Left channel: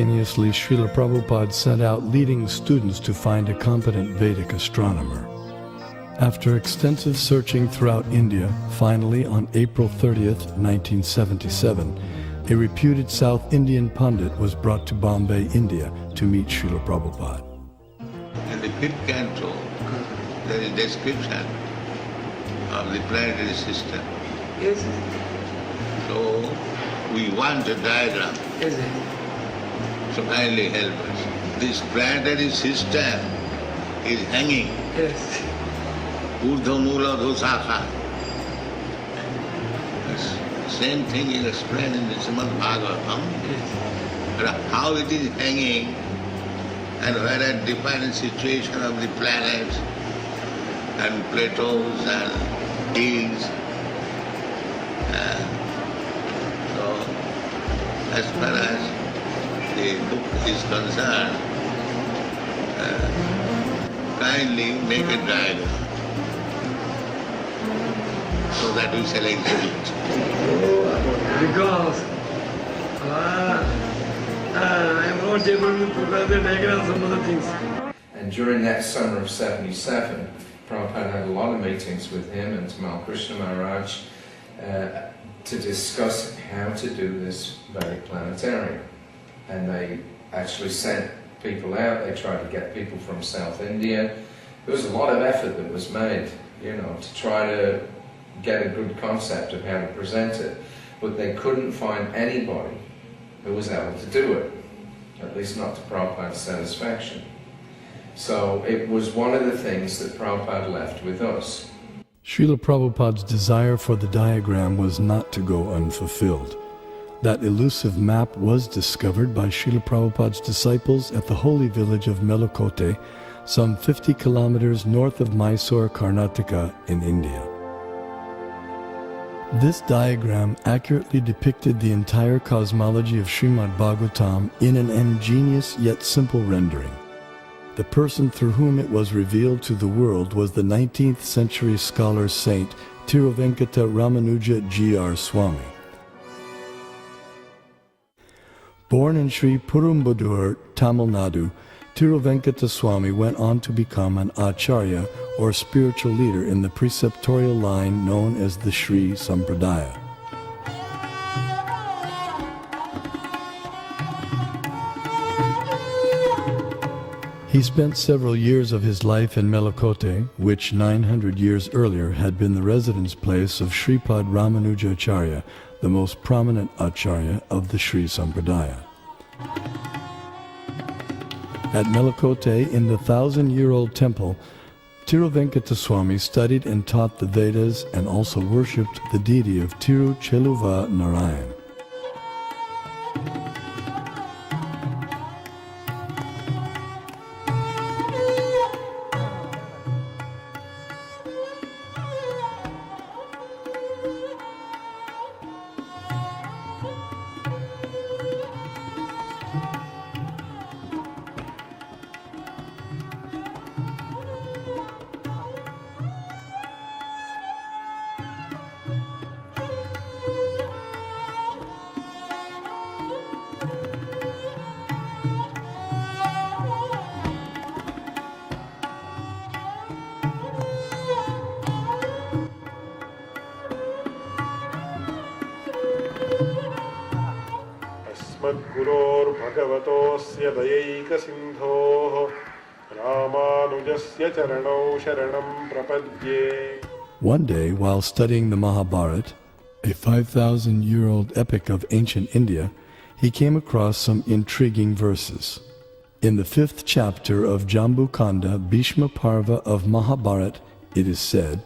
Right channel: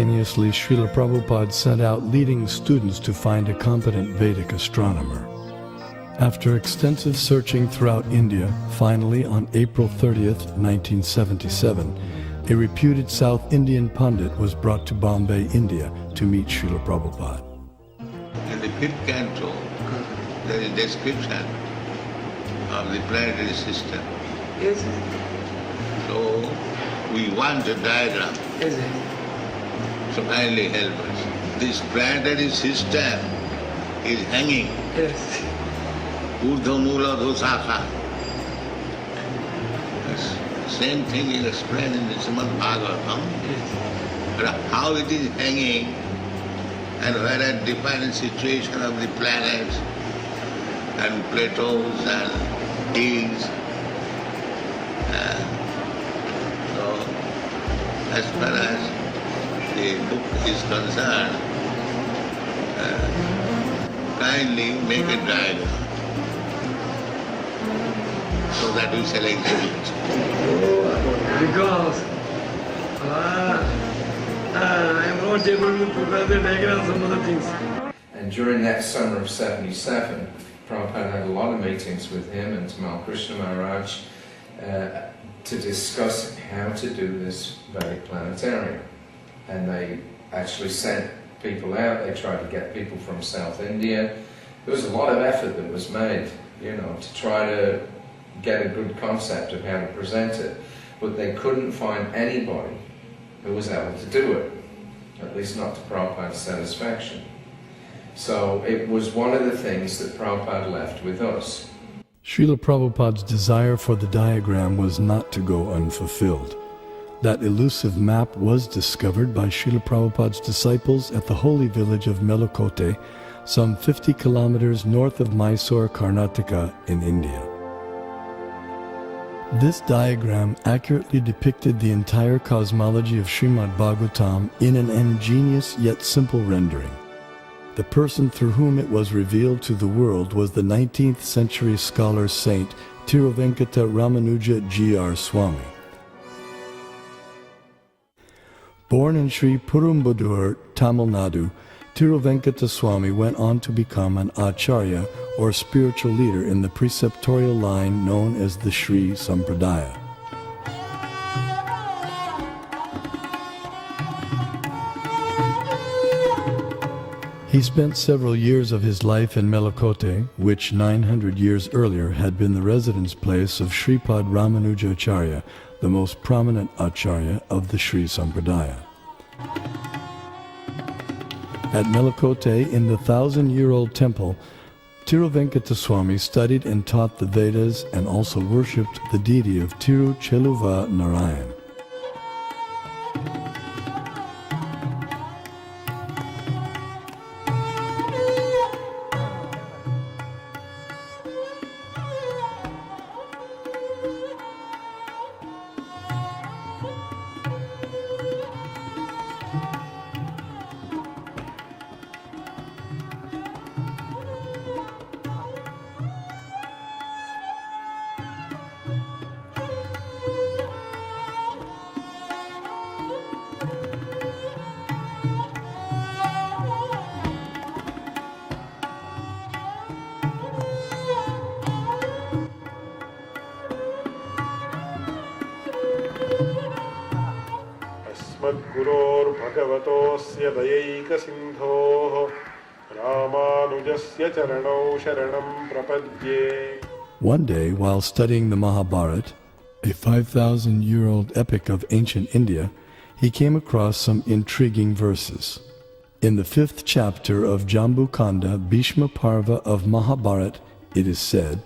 Simultaneously, Srila Prabhupada sent out leading students to find a competent Vedic astronomer. After extensive searching throughout India, finally on April 30th, 1977, a reputed South Indian Pandit was brought to Bombay, India to meet Srila Prabhupada. In the fifth canto, there is description of the planetary system. Yes. So we want a diagram. Yes. So kindly help us. This planetary system is hanging. Yes. Urdhva Dosaka. The same thing is explained in the Srimad Bhagavatam. Yes. But how it is hanging and where are different situation of the planets and plateaus and hills. So as far as the book is concerned, kindly make a diagram so that we shall exhibit. Because I'm not able to prepare the diagram, some other things. And during that summer of 77, Prabhupada had a lot of meetings with him and Tamal Krishna Maharaj to discuss how to do this Vedic planetarium. And they actually sent people out, they tried to get people from South India. There was a lot of effort that was made, to try to get a good concept of how to present it. But they couldn't find anybody who was able to do it, at least not to Prabhupada's satisfaction. So it was one of the things that Prabhupada left with us. Srila Prabhupada's desire for the diagram was not to go unfulfilled. That elusive map was discovered by Srila Prabhupada's disciples at the holy village of Melukote, some 50 kilometers north of Mysore, Karnataka in India. This diagram accurately depicted the entire cosmology of Srimad Bhagavatam in an ingenious yet simple rendering. The person through whom it was revealed to the world was the 19th century scholar saint Tiruvenkata Ramanuja G.R. Swami. Born in Sri Perumbudur, Tamil Nadu, Tiruvenkata Swami went on to become an acharya or spiritual leader in the preceptorial line known as the Sri Sampradaya. He spent several years of his life in Melukote, which 900 years earlier had been the residence place of Sripad Ramanujacharya, the most prominent acharya of the Sri Sampradaya. At Melukote, in the 1,000-year-old temple, Tiruvenkata Swami studied and taught the Vedas and also worshipped the deity of Tirucheluva Narayan. भगवतोऽस्य दयैकसिन्धोः रामानुजस्य चरणौ शरणं प्रपद्ये. One day, while studying the Mahabharata, a 5,000-year-old epic of ancient India, he came across some intriguing verses. In the 5th chapter of Jambu Kanda, Bhishma Parva of Mahabharata, it is said,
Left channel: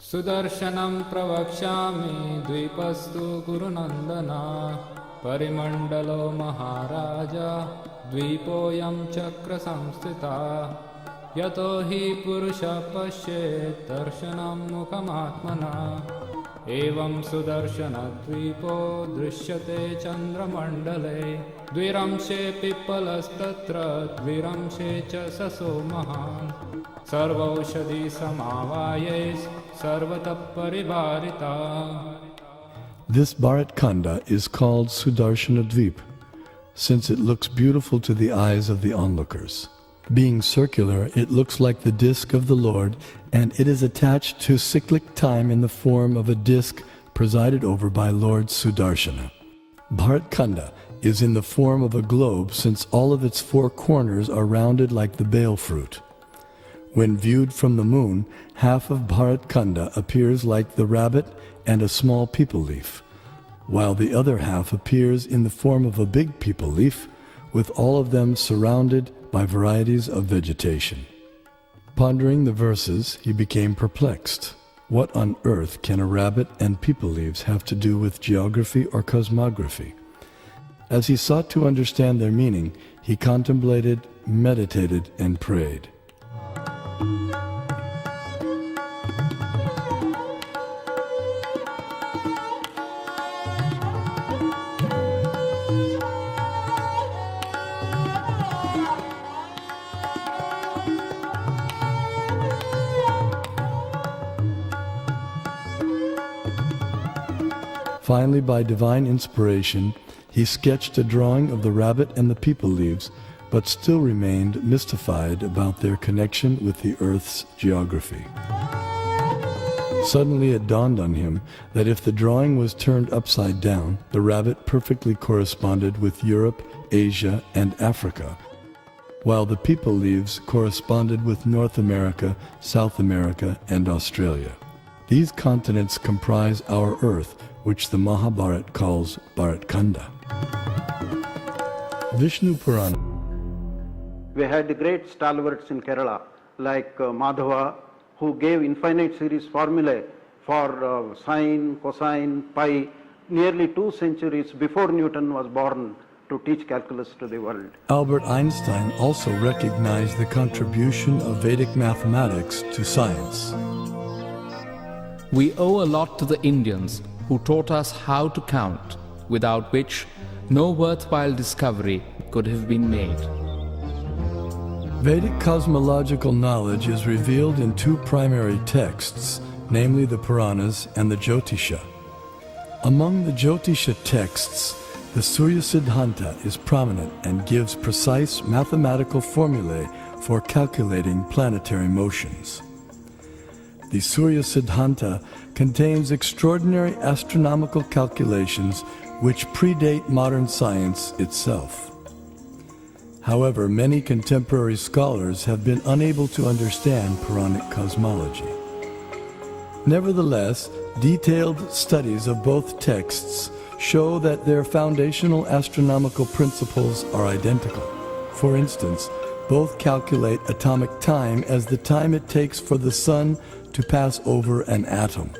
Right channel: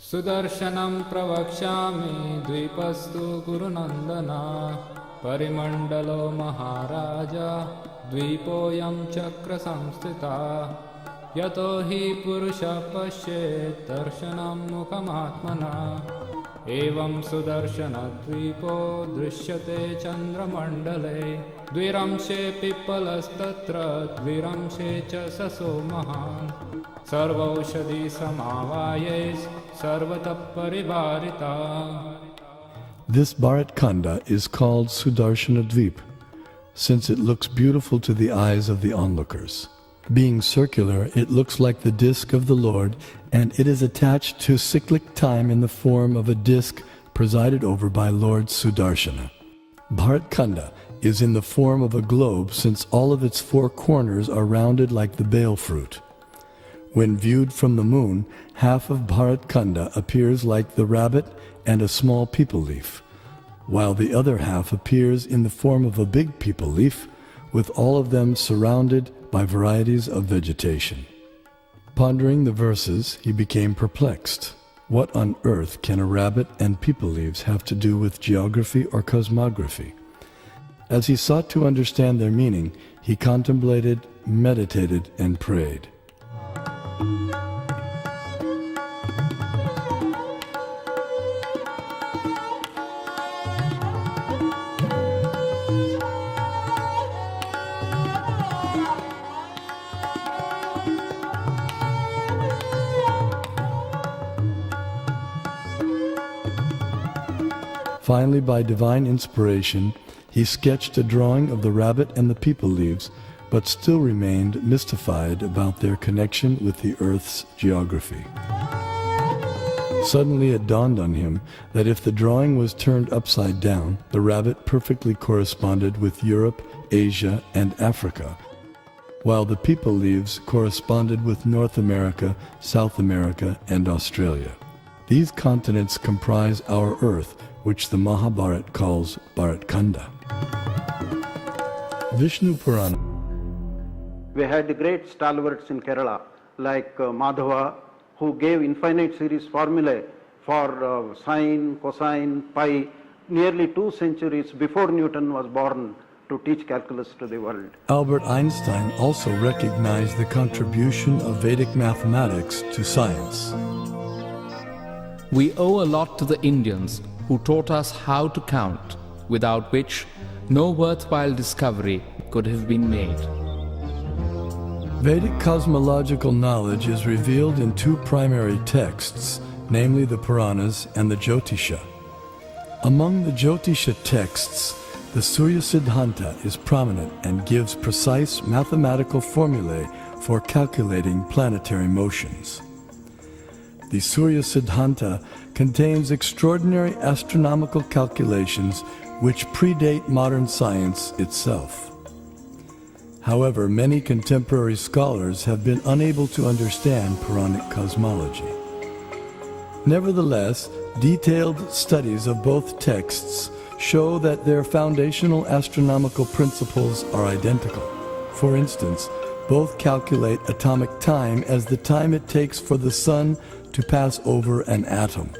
Sudarshanam pravakshami dvipastu gurunandana parimandalo maharaja dvipoyam chakra samstita yato hi purusha pashyet darshanam mukhamatmana evam sudarshana dvipo drishyate chandramandale dviramshe pipalastatra dviramshe cha saso mahan sarvaushadhi samavayes sarvatah parivarita. This Bharat Khanda is called Sudarshana Dvip. since it looks beautiful to the eyes of the onlookers. Being circular, it looks like the disk of the Lord, and it is attached to cyclic time in the form of a disk presided over by Lord Sudarshana. Bharatkhanda is in the form of a globe, since all of its four corners are rounded like the bale fruit. When viewed from the moon, half of Bharatkhanda appears like the rabbit and a small peepal leaf, while the other half appears in the form of a big peepal leaf, with all of them surrounded by varieties of vegetation. Pondering the verses, he became perplexed. What on earth can a rabbit and peepal leaves have to do with geography or cosmography? As he sought to understand their meaning, he contemplated, meditated, and prayed. Finally, by divine inspiration, he sketched a drawing of the rabbit and the peepal leaves, but still remained mystified about their connection with the Earth's geography. Suddenly it dawned on him that if the drawing was turned upside down, the rabbit perfectly corresponded with Europe, Asia, and Africa, while the peepal leaves corresponded with North America, South America, and Australia. These continents comprise our Earth, which the Mahabharata calls Bharatkhanda. Vishnu Purana. We had the great stalwarts in Kerala, like Madhava, who gave infinite series formulae for sine, cosine, pi, nearly 2 centuries before Newton was born, to teach calculus to the world. Albert Einstein also recognized the contribution of Vedic mathematics to science. We owe a lot to the Indians, who taught us how to count, without which no worthwhile discovery could have been made. Vedic cosmological knowledge is revealed in two primary texts, namely the Puranas and the Jyotisha. Among the Jyotisha texts, the Surya Siddhanta is prominent and gives precise mathematical formulae for calculating planetary motions. The Surya Siddhanta contains extraordinary astronomical calculations which predate modern science itself. However, many contemporary scholars have been unable to understand Puranic cosmology. Nevertheless, detailed studies of both texts show that their foundational astronomical principles are identical. For instance, both calculate atomic time as the time it takes for the sun to pass over an atom.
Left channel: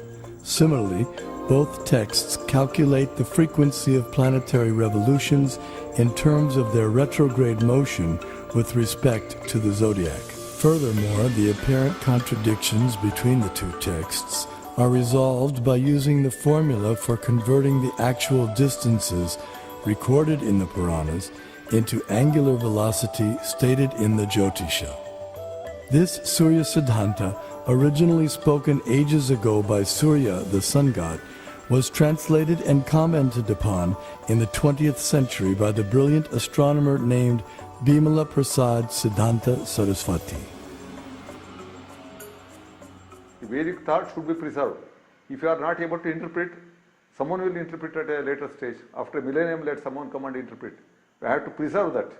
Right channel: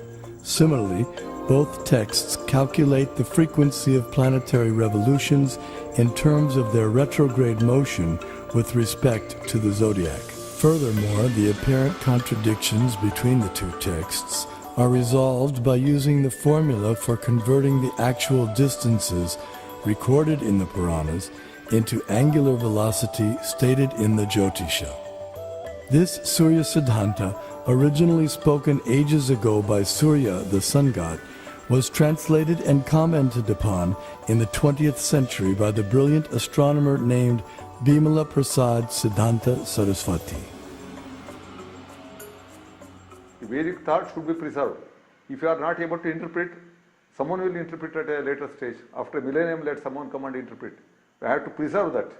Similarly, both texts calculate the frequency of planetary revolutions in terms of their retrograde motion with respect to the zodiac. Furthermore, the apparent contradictions between the two texts are resolved by using the formula for converting the actual distances recorded in the Puranas into angular velocity stated in the Jyotisha. This Surya Siddhanta, originally spoken ages ago by Surya, the sun god, was translated and commented upon in the 20th century by the brilliant astronomer named Bimala Prasad Siddhanta Saraswati. Vedic thought should be preserved. If you are not able to interpret, someone will interpret at a later stage. After a millennium, let someone come and interpret. We have to preserve that.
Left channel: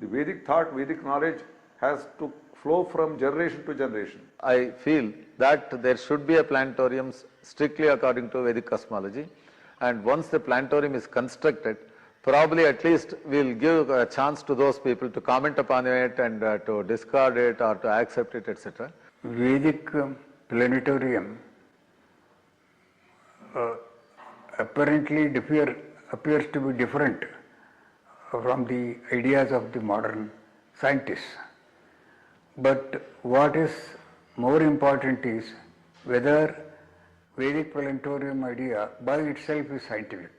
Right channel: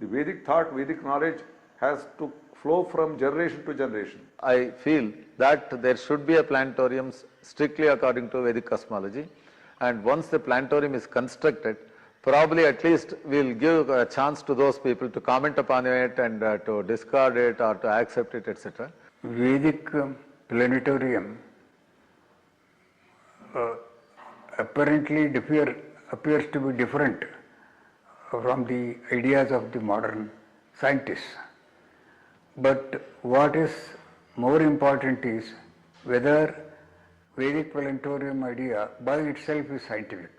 The Vedic thought, Vedic knowledge has to flow from generation to generation. I feel that there should be a planetarium strictly according to Vedic cosmology, and once the planetarium is constructed, probably at least we will give a chance to those people to comment upon it and to discard it or to accept it, etc. Vedic planetarium apparently appears to be different from the ideas of the modern scientists. But what is more important is whether Vedic planetarium idea by itself is scientific.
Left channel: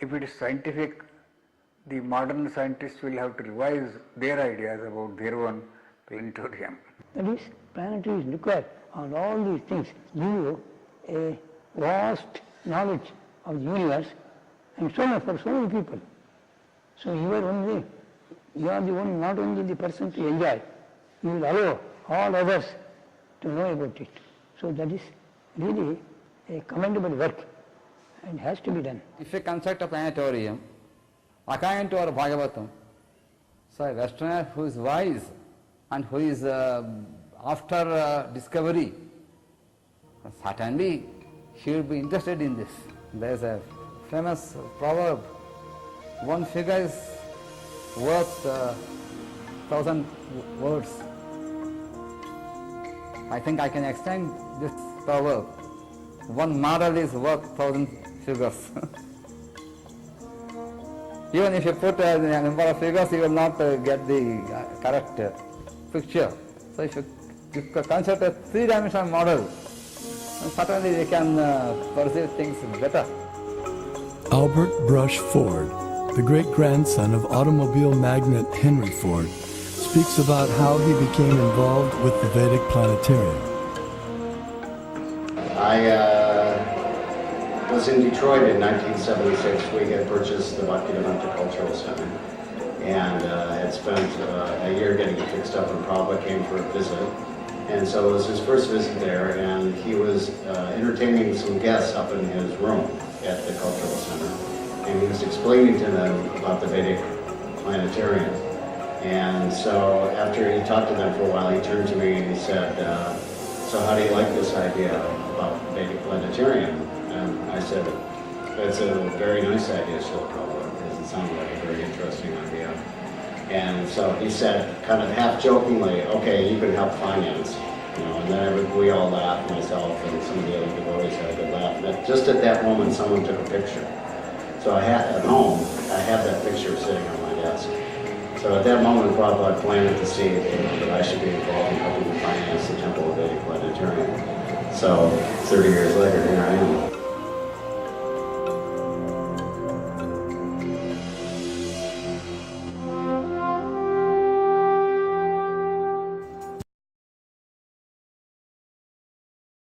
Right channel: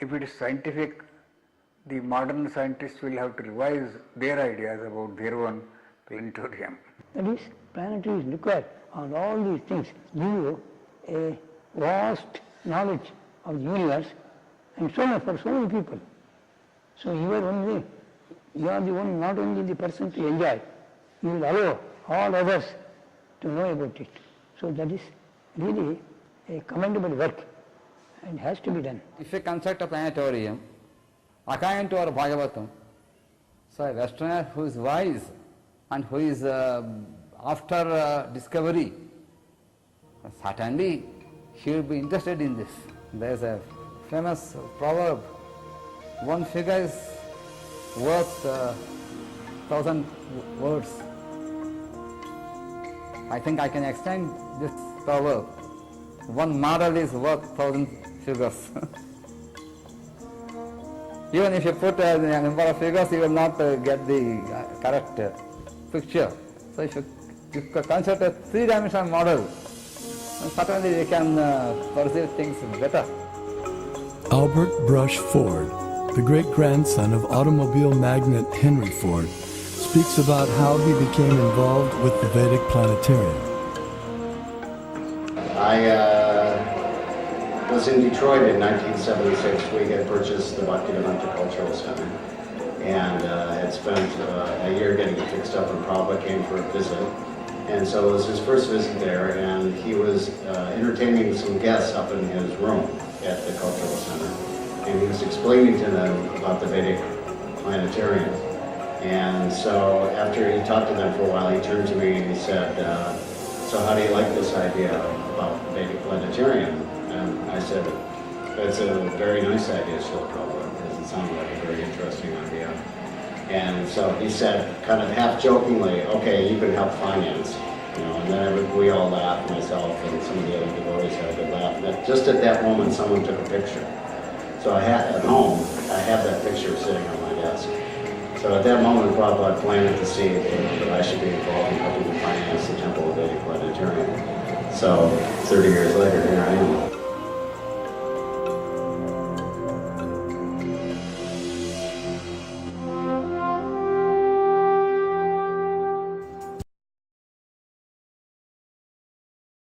If it is scientific, the modern scientists will have to revise their ideas about their own planetarium. That is, planetary look at on all these things, give you a vast knowledge of the universe and so on for so many people. So you are the one, not only the person to enjoy, you will allow all others to know about it. So that is really a commendable work and has to be done. If you construct a planetarium, according to our Bhagavatam, so a Westerner who is wise and who is after discovery, certainly he will be interested in this. There is a famous proverb, one figure is worth 1,000 words. I think I can extend this proverb. One model is worth 1,000 figures. Even if you put a number of figures, you will not get the correct picture. So if you construct a three-dimensional model, certainly you can perceive things better. Albert Brush Ford, the great-grandson of automobile magnate Henry Ford, speaks about how he became involved with the Vedic Planetarium. I was in Detroit in 1976. We had purchased the Bhaktivedanta Cultural Center and had spent a year getting it fixed up, and Prabhupada came for a visit. And so it was his first visit there, and he was entertaining some guests up in his room at the Cultural Center. And he was explaining to them about the Vedic Planetarium. And so after he talked to them for a while, he turned to me and he said, so how do you like this idea about Vedic Planetarium? And I said, that's a very nice idea, Srila Prabhupada, because it sounded like a very interesting idea. And so he said, kind of half jokingly, okay, you can help finance. You know, and then we all laughed, myself and some of the other devotees had a good laugh. But just at that moment, someone took a picture. So I had, at home, I have that picture sitting on my desk. So at that moment, Prabhupada planted the seed that I should be involved in helping to finance the Temple of Vedic Planetarium. So 30 years later, here I am.